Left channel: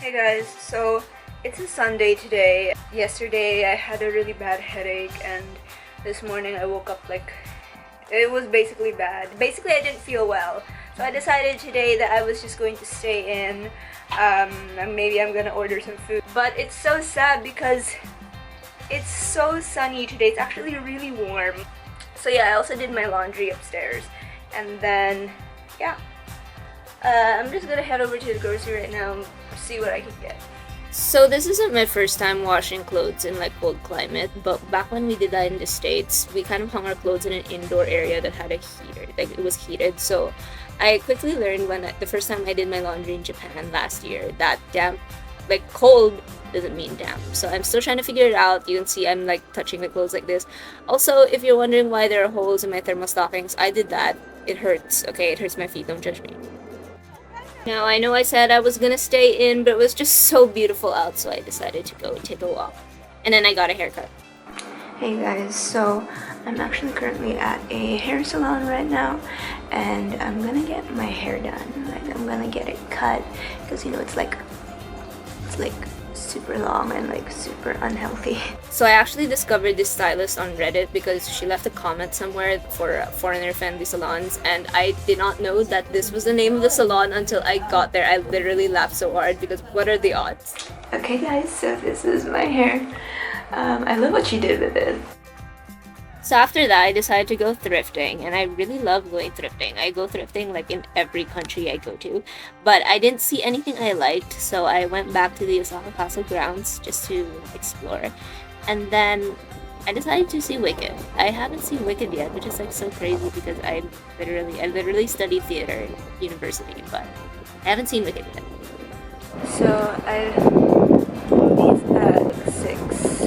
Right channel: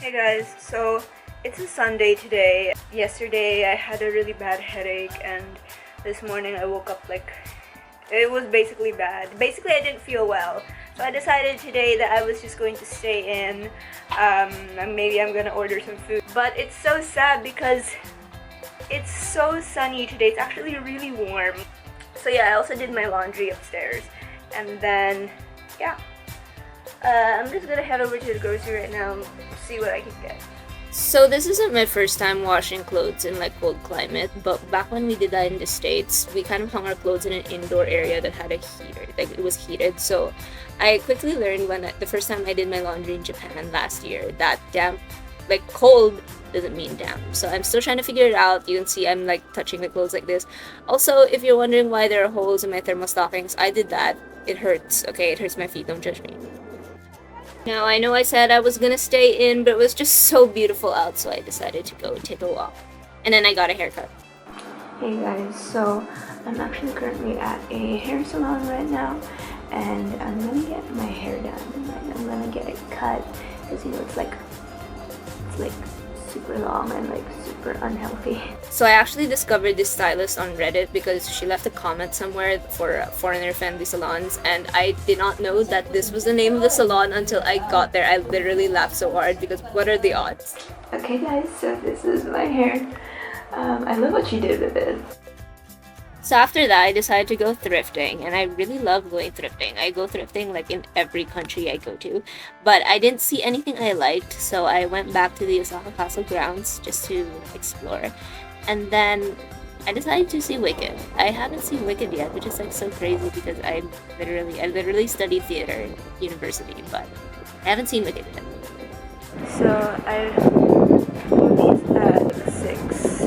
Hey guys, so it's a Sunday today. Yesterday I had a really bad headache and this morning I woke up like it was basically bad. Basically I didn't feel well. So I decided today that I was just going to stay in. And maybe I'm gonna order some food. But it's so sad because it's so sunny today. It's actually really warm. So yeah, I also did my laundry upstairs. And then, yeah. I'm just gonna head over to the grocery right now and see what I can get. So this isn't my first time washing clothes in like cold climate, but back when we did that in the States, we kind of hung our clothes in an indoor area that had a heater, like it was heated. So I quickly learned the first time I did my laundry in Japan last year that damp, like cold doesn't mean damp. So I'm still trying to figure it out. You can see I'm like touching the clothes like this. Also, if you're wondering why there are holes in my thermal stockings, I did that. It hurts. Okay, it hurts my feet. Don't judge me. Now, I know I said I was gonna stay in, but it was just so beautiful out, so I decided to go take a walk. And then I got a haircut. Hey guys, so I'm actually currently at a hair salon right now, and I'm gonna get my hair done. Like, I'm gonna get it cut, because you know, it's like super long and like super unhealthy. So I actually discovered this stylist on Reddit because she left a comment somewhere for foreigner-friendly salons, and I did not know that this was the name of the salon until I got there. I literally laughed so hard because what are the odds? Okay guys, so this is my hair. I love what she did with it. So after that, I decided to go thrifting, and I really love going thrifting. I go thrifting like in every country I go to, but I didn't see anything I liked, so I went back to the Osaka Castle grounds just to explore. And then I decided to see Wicked. I haven't seen Wicked yet, which is like so crazy because I literally studied theater in university, but I haven't seen Wicked yet. So I moved at 6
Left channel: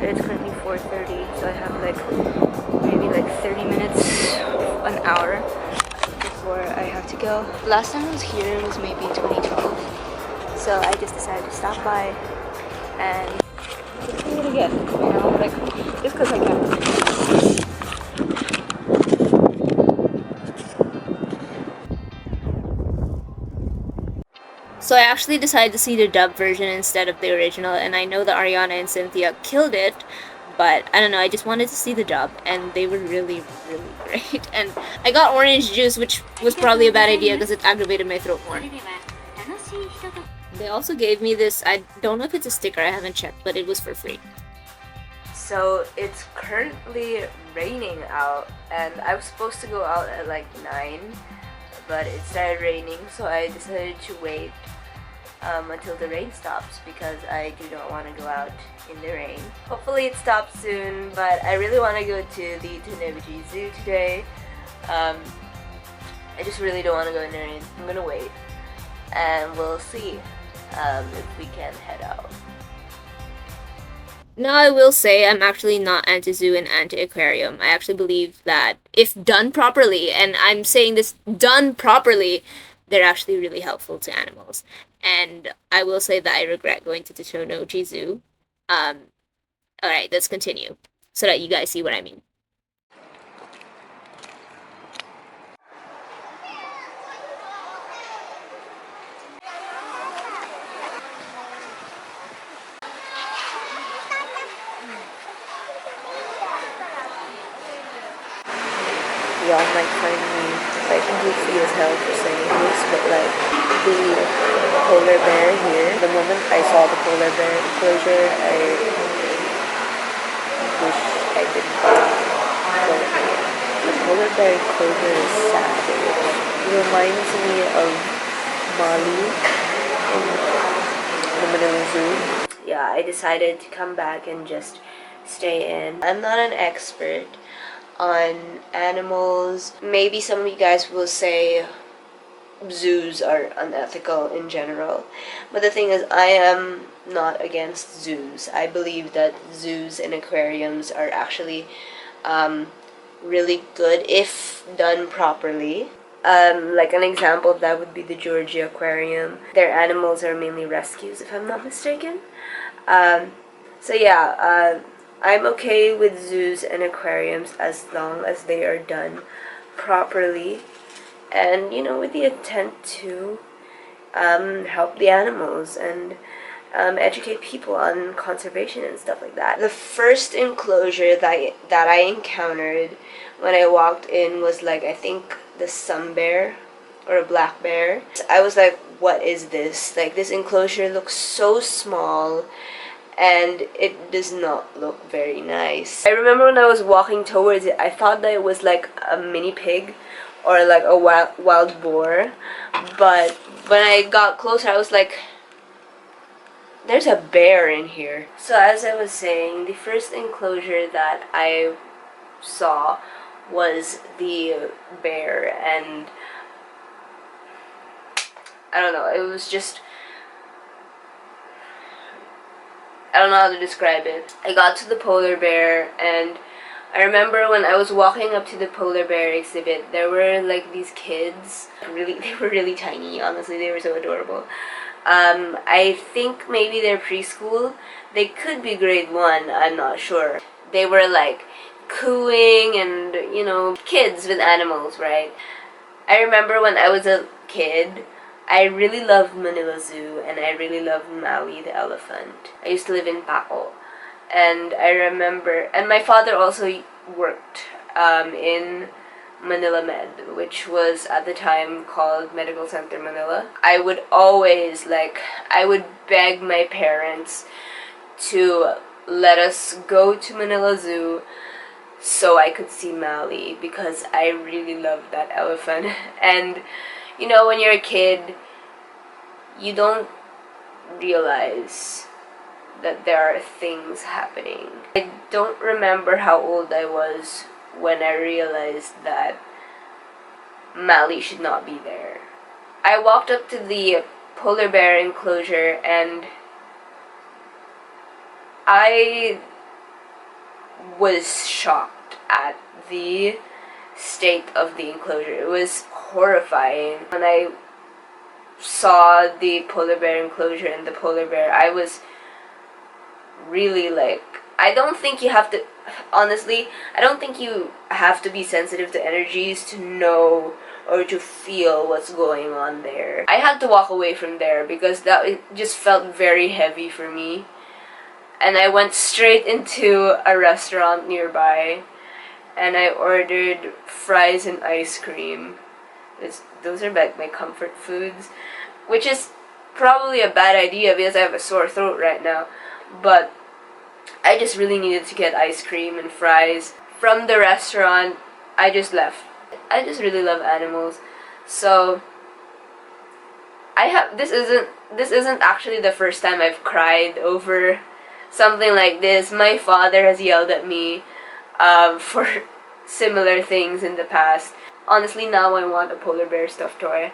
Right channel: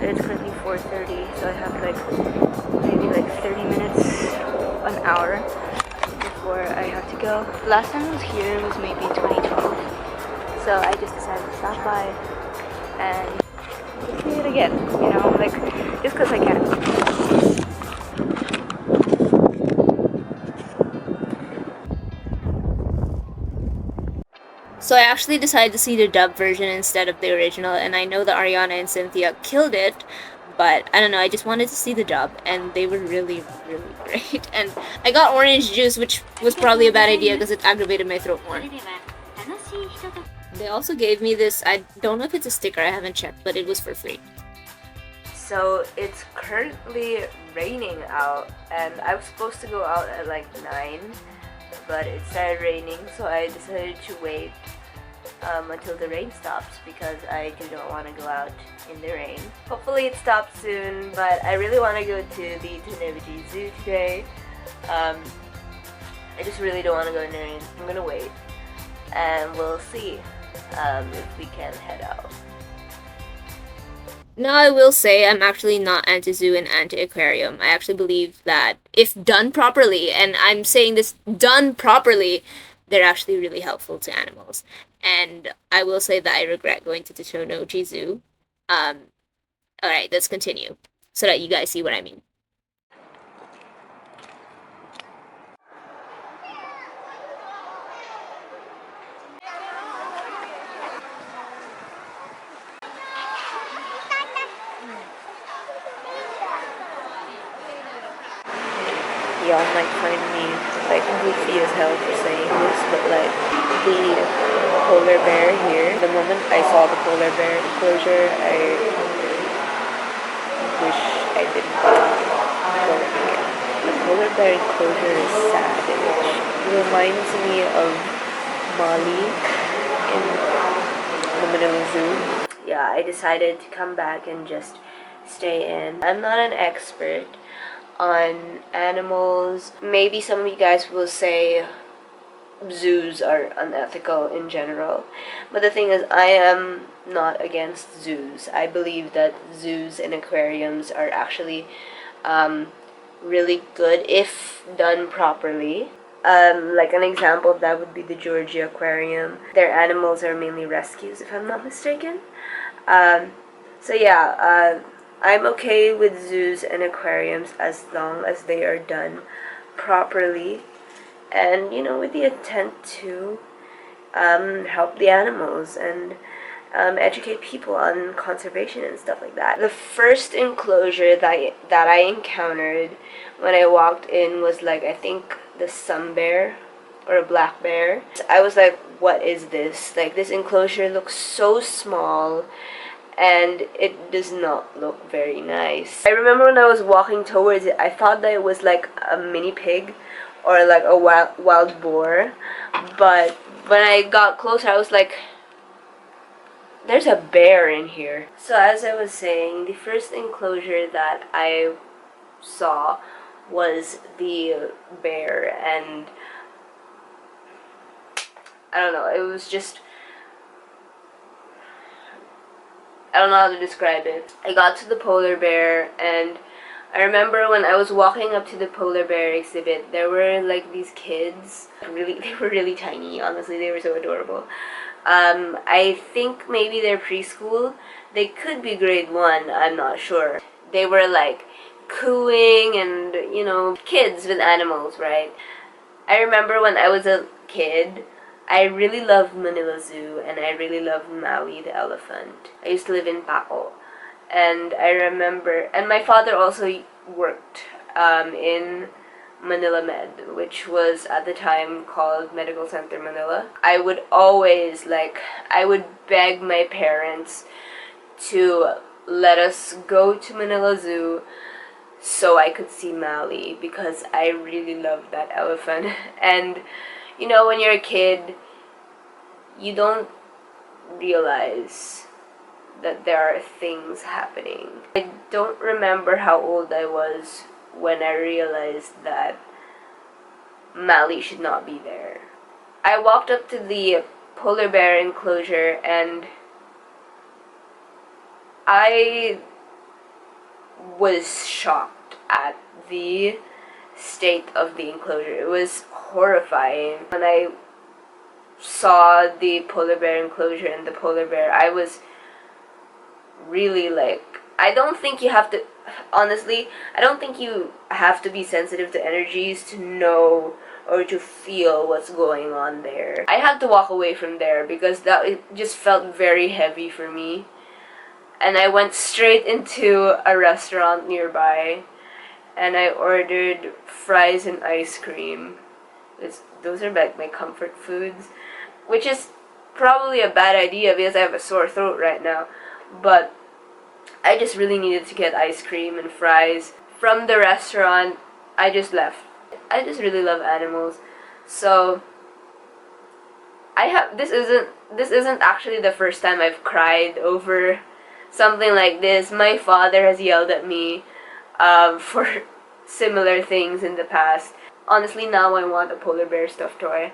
and it's currently 4:30, so I have like maybe like 30 minutes, an hour before I have to go. Last time I was here was maybe 2012, so I just decided to stop by and just see it again, you know, like just because I can. So I actually decided to see the dub version instead of the original, and I know that Ariana and Cynthia killed it, but I don't know, I just wanted to see the dub, and they were really, really great. And I got orange juice, which was probably a bad idea because it aggravated my throat more. They also gave me this, I don't know if it's a sticker, I haven't checked, but it was for free. So it's currently raining out, and I was supposed to go out at like 9, but it started raining, so I decided to wait until the rain stops because I do not want to go out in the rain. Hopefully it stops soon, but I really want to go to the tennoji zoo today. I just really don't want to go in the rain. I'm gonna wait, and we'll see if we can head out. Now, I will say I'm actually not anti-zoo and anti-aquarium. I actually believe that if done properly, and I'm saying this done properly, they're actually really helpful to animals. And I will say that I regret going to the tennoji zoo. Alright, let's continue so that you guys see what I mean. Y'all might find me like goofy as hell for saying this, but like the polar bear here, the moment I saw the polar bear enclosure, I wish I didn't go here. The polar bear enclosure is sad, which reminds me of Mali in the Manila Zoo. Yeah, I decided to come back and just stay in. I'm not an expert on animals. Maybe some of you guys will say zoos are unethical in general, but the thing is, I am not against zoos. I believe that zoos and aquariums are actually really good if done properly. Like an example of that would be the Giorgio aquarium. Their animals are mainly rescues, if I'm not mistaken. So yeah, I'm okay with zoos and aquariums as long as they are done properly and, you know, with the intent to help the animals and educate people on conservation and stuff like that. The first enclosure that I encountered when I walked in was like, I think the sun bear or a black bear. I was like, what is this? Like, this enclosure looks so small and it does not look very nice. I remember when I was walking towards it, I thought that it was like a mini pig or like a wild boar, but when I got closer I was like, there's a bear in here. So as I was saying, the first enclosure that I saw was the bear, and I don't know, it was just, I don't know how to describe it. I got to the polar bear, and I remember when I was walking up to the polar bear exhibit, there were like these kids. They were really tiny, honestly, they were so adorable. I think maybe they're preschool. They could be grade 1, I'm not sure. They were like cooing and, you know, kids with animals, right? I remember when I was a kid, I really loved Manila Zoo and I really loved Maui the elephant. I used to live in Paco. And I remember, and my father also worked in Manila Med, which was at the time called Medical Center Manila. I would always, I would beg my parents to let us go to Manila Zoo so I could see Mali, because I really loved that elephant. And, you know, when you're a kid, you don't realize that there are things happening. I don't remember how old I was when I realized that Mali should not be there. I walked up to the polar bear enclosure and I was shocked at the state of the enclosure. It was horrifying. When I saw the polar bear enclosure and the polar bear, I was really like, I don't think you have to, honestly, I don't think you have to be sensitive to energies to know or to feel what's going on there. I had to walk away from there because it just felt very heavy for me. And I went straight into a restaurant nearby and I ordered fries and ice cream. Those are like my comfort foods, which is probably a bad idea because I have a sore throat right now. But I just really needed to get ice cream and fries. From the restaurant, I just left. I just really love animals. So this isn't actually the first time I've cried over something like this. My father has yelled at me for similar things in the past. Honestly, now I want a polar bear stuffed toy.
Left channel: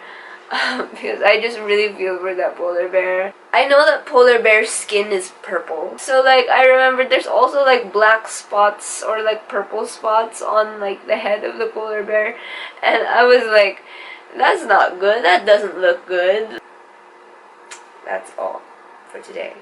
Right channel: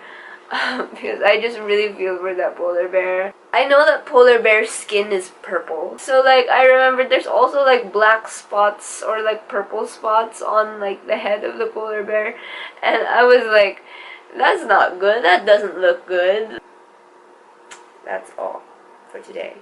Because I just really feel for that polar bear. I know that polar bear's skin is purple. So like, I remember there's also like black spots or like purple spots on like the head of the polar bear. And I was like, that's not good. That doesn't look good. That's all for today.